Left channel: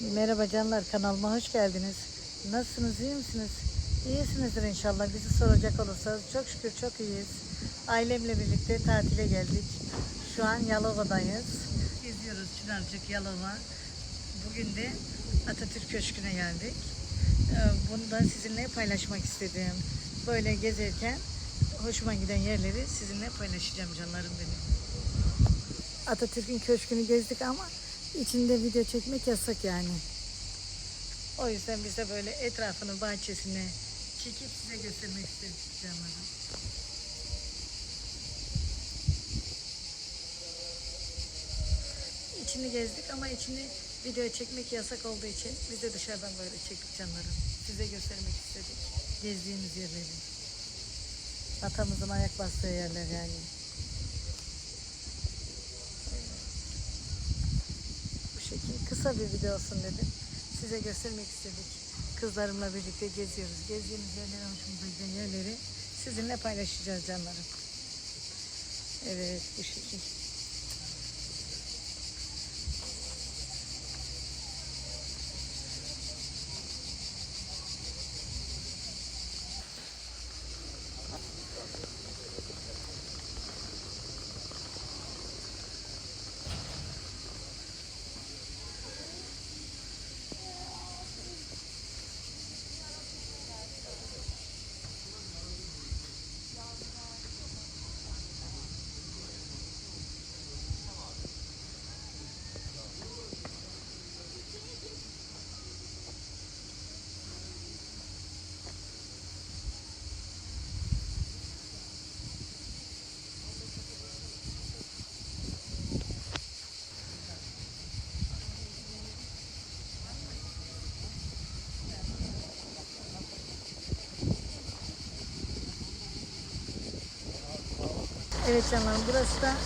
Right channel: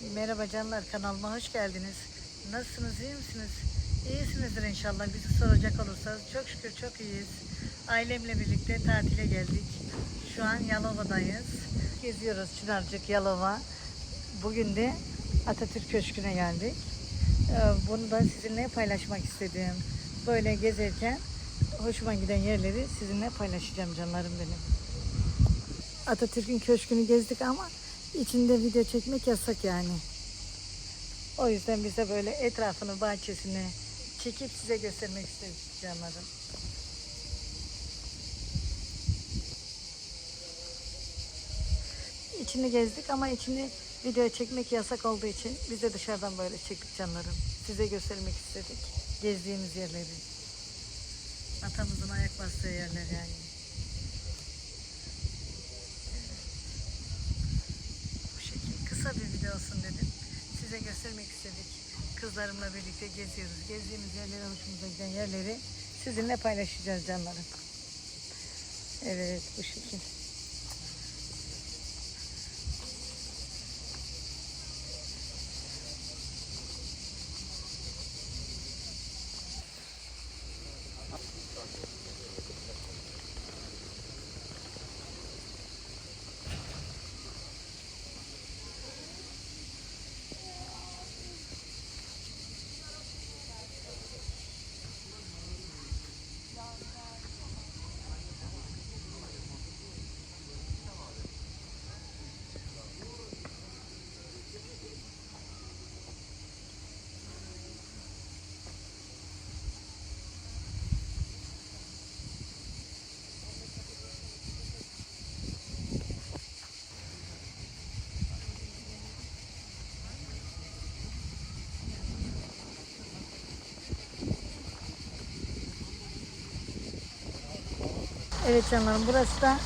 Merhaba canlar kanalıma hoş geldiniz. Nasılsınız iyi misiniz? İyisinizdir inşallah bizi soracak olursanız çok şükür çok iyiyiz. Ailemle birlikte tatile geldik. Şu an Yalova'dayız. Geziyoruz Çınarcık Yalova. Bugün de Atatürk Köşkü'ne geldik. Ee, Bunu da sizinle paylaşmak istedim. Böyle gezerken hoşuma giden yerleri sizinle paylaşacağım canlarım benim. Atatürk'ün köşkünü gezdik ama içinde video çekmek yasak yani. O yüzden biz de böyle etrafını, bahçesini çekip size göstermek istedik canlarım. İçini gezdik ama içini video çekmek yasak olduğu için biz de dışarıdan böyle çektik canlarım. Size göstermek istedik. Gezdiğimiz yerleri. Atamızın ayak bastığı yerler yani. bu şekilde kısa bir video olsun dedim. Size göstermek istedik. Kızlarımla birlikte geziyoruz. Gezdiğimiz yerleri, hoşumuza giden yerleri sizinle paylaşacağız canlarım. Evet bu şekilde. Evet canlarım burası da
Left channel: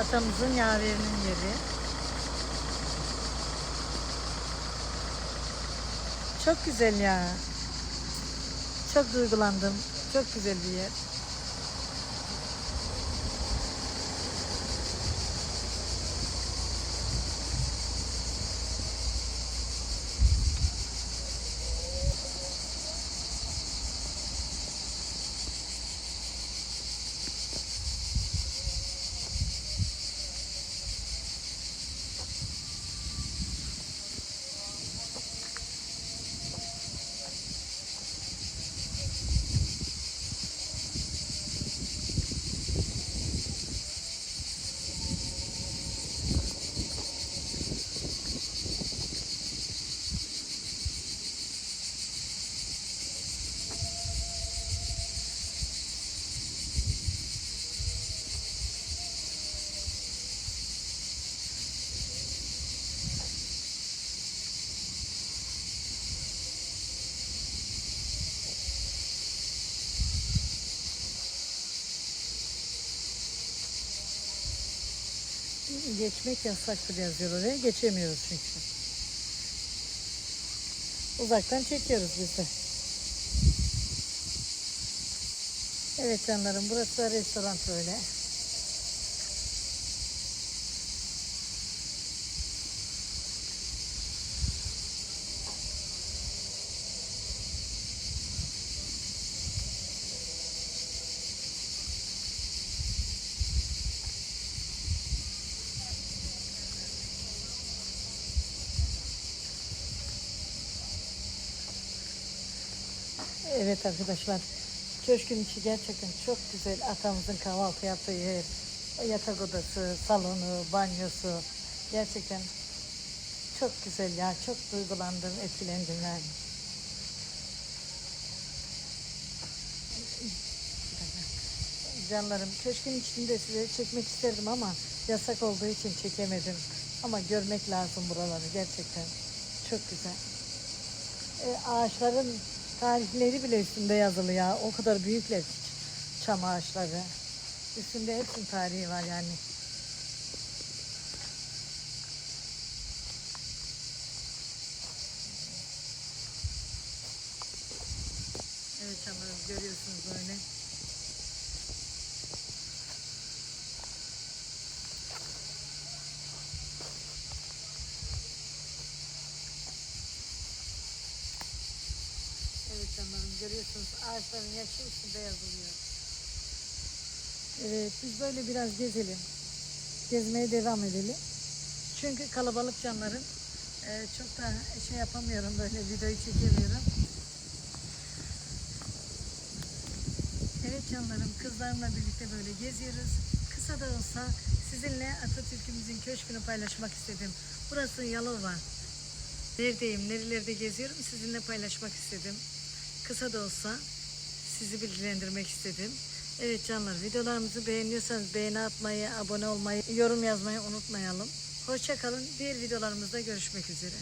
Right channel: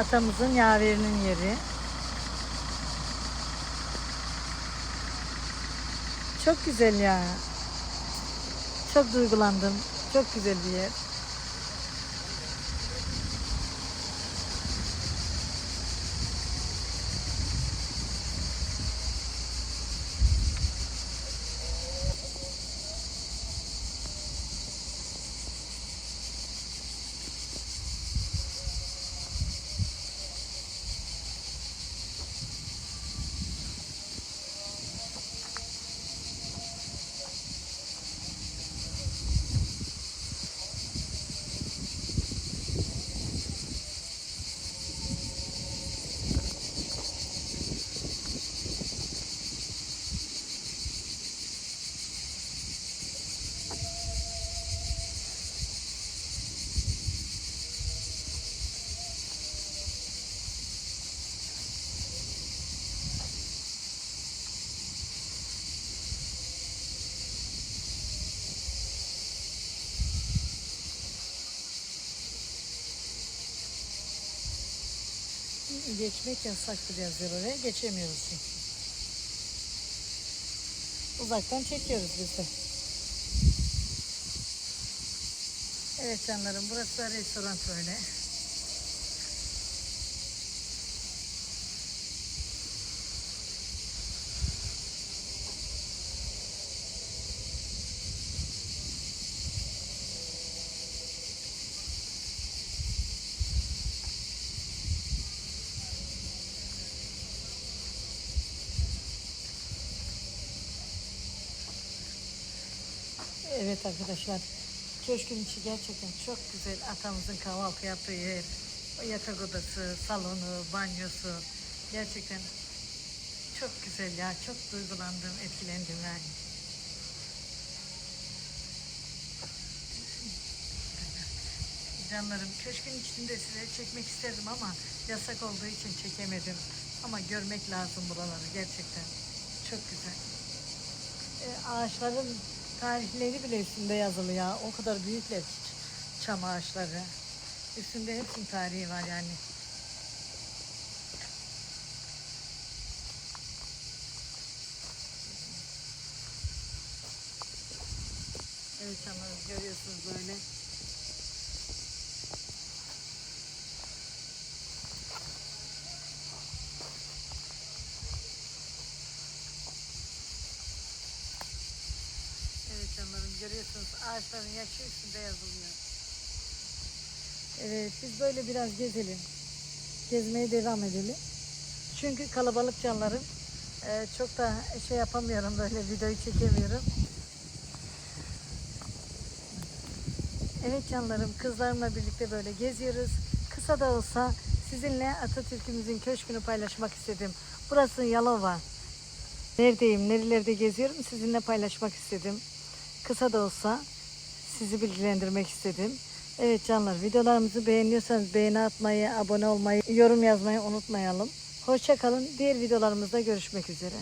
atamızın yaverinin yeri. Çok güzel ya. Çok duygulandım. Çok güzel bir yer. Geçmek yasaktır yazıyor oraya. Geçemiyoruz çünkü. Uzaktan çekiyoruz biz de. Evet canlarım burası restoran böyle. Evet arkadaşlar. Köşkün içi gerçekten çok güzel. Atamızın kahvaltı yaptığı yer. Yatak odası, salonu, banyosu. Gerçekten çok güzel ya. Çok duygulandım, etkilendim yani. Canlarım köşkün içinde size çekmek isterdim ama yasak olduğu için çekemedim. Ama görmek lazım buraları gerçekten. Çok güzel. E, ağaçların tarihleri bile üstünde yazılı ya. O kadar büyükler ki çam ağaçları. Üstünde hepsinin tarihi var yani. Evet çamları görüyorsunuz böyle. Görüyorsunuz ağaçların yaşı üstünde yazılıyor. Evet biz böyle biraz gezelim. Gezmeye devam edelim. Çünkü kalabalık canlarım. Ee, çok da şey yapamıyorum böyle videoyu çekemiyorum. Evet canlarım kızlarımla birlikte böyle geziyoruz. Kısa da olsa sizinle Atatürk'ümüzün köşkünü paylaşmak istedim. Burası Yalova. Neredeyim, nerelerde geziyorum sizinle paylaşmak istedim. Kısa da olsa sizi bilgilendirmek istedim. Evet canlar videolarımızı beğeniyorsanız beğeni atmayı, abone olmayı, yorum yazmayı unutmayalım. Hoşça kalın. Diğer videolarımızda görüşmek üzere.